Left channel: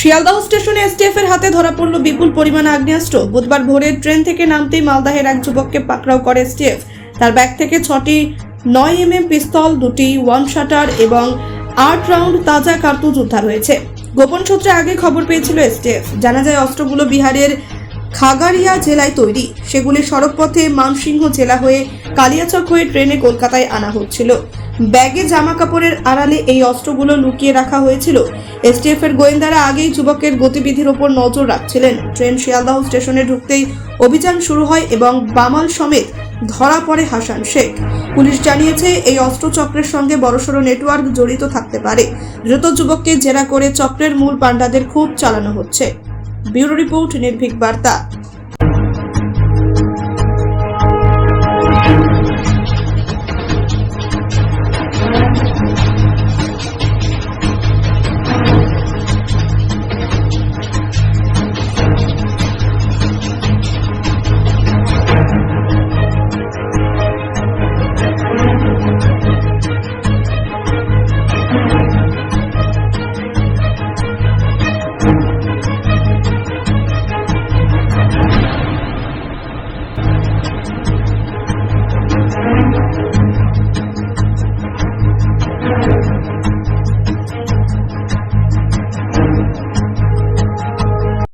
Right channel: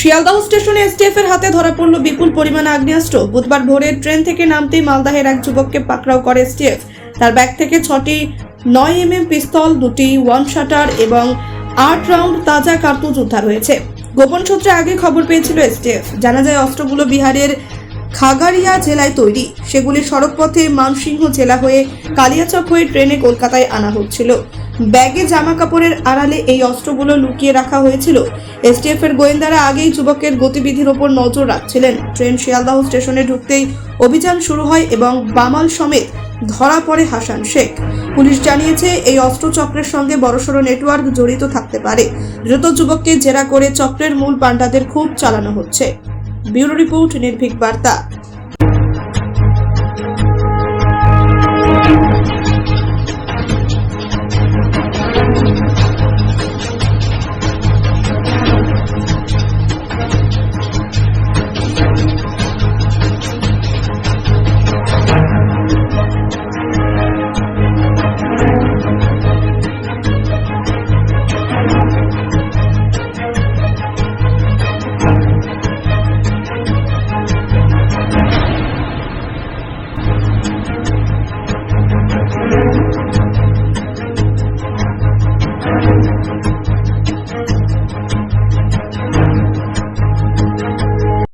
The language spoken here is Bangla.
শিয়ালদহ স্টেশনে এসটিএফ এর হাতে ধরা পড়ল বিপুল পরিমাণ আগ্নেয়াস্ত্র। বুধবার ভোরে ট্রেন থেকে নামতেই মালদাহের এক যুবককে পাকড়াও করে এসটিএফ। তার ব্যাগ থেকে 6টি 9mm পিস্তল, 2টি ওয়ান শাটার এবং 8 রাউন্ড তাজা কার্তুজ উদ্ধার হয়েছে। গোপন সূত্রে আগে খবর পেয়েছিল এসটিএফ। জানা যায় অস্ত্রগুলো বিহারের খাগাড়িয়া জেলায় তৈরি। সেগুলি সড়কপথে মানসিংহ জেলা হয়ে কালিয়াচক হয়ে ট্রেনে কলকাতায় আনা হচ্ছিল। ব্যাগে জামা কাপড়ের আড়ালে এই অস্ত্রগুলো লুকিয়ে রাখা হয়েছিল। এসটিএফ এর গোয়েন্দারা আগেই যুবকের গতিবিধির ওপর নজর রাখছিলেন। ট্রেন শিয়ালদহ স্টেশনে ঢুকতেই অভিযান শুরু হয় এবং বামাল সমেত ধরা পড়ে হাসান শেখ। পুলিশ জানিয়েছে এই অস্ত্রচক্রের সঙ্গে বড়সড় নেটওয়ার্ক জড়িত থাকতে পারে। দ্রুত যুবককে জেরা করে চক্রের মূল পাণ্ডাদের খোঁজ চালানো হচ্ছে। ব্যুরো রিপোর্ট, নির্ভীক বার্তা।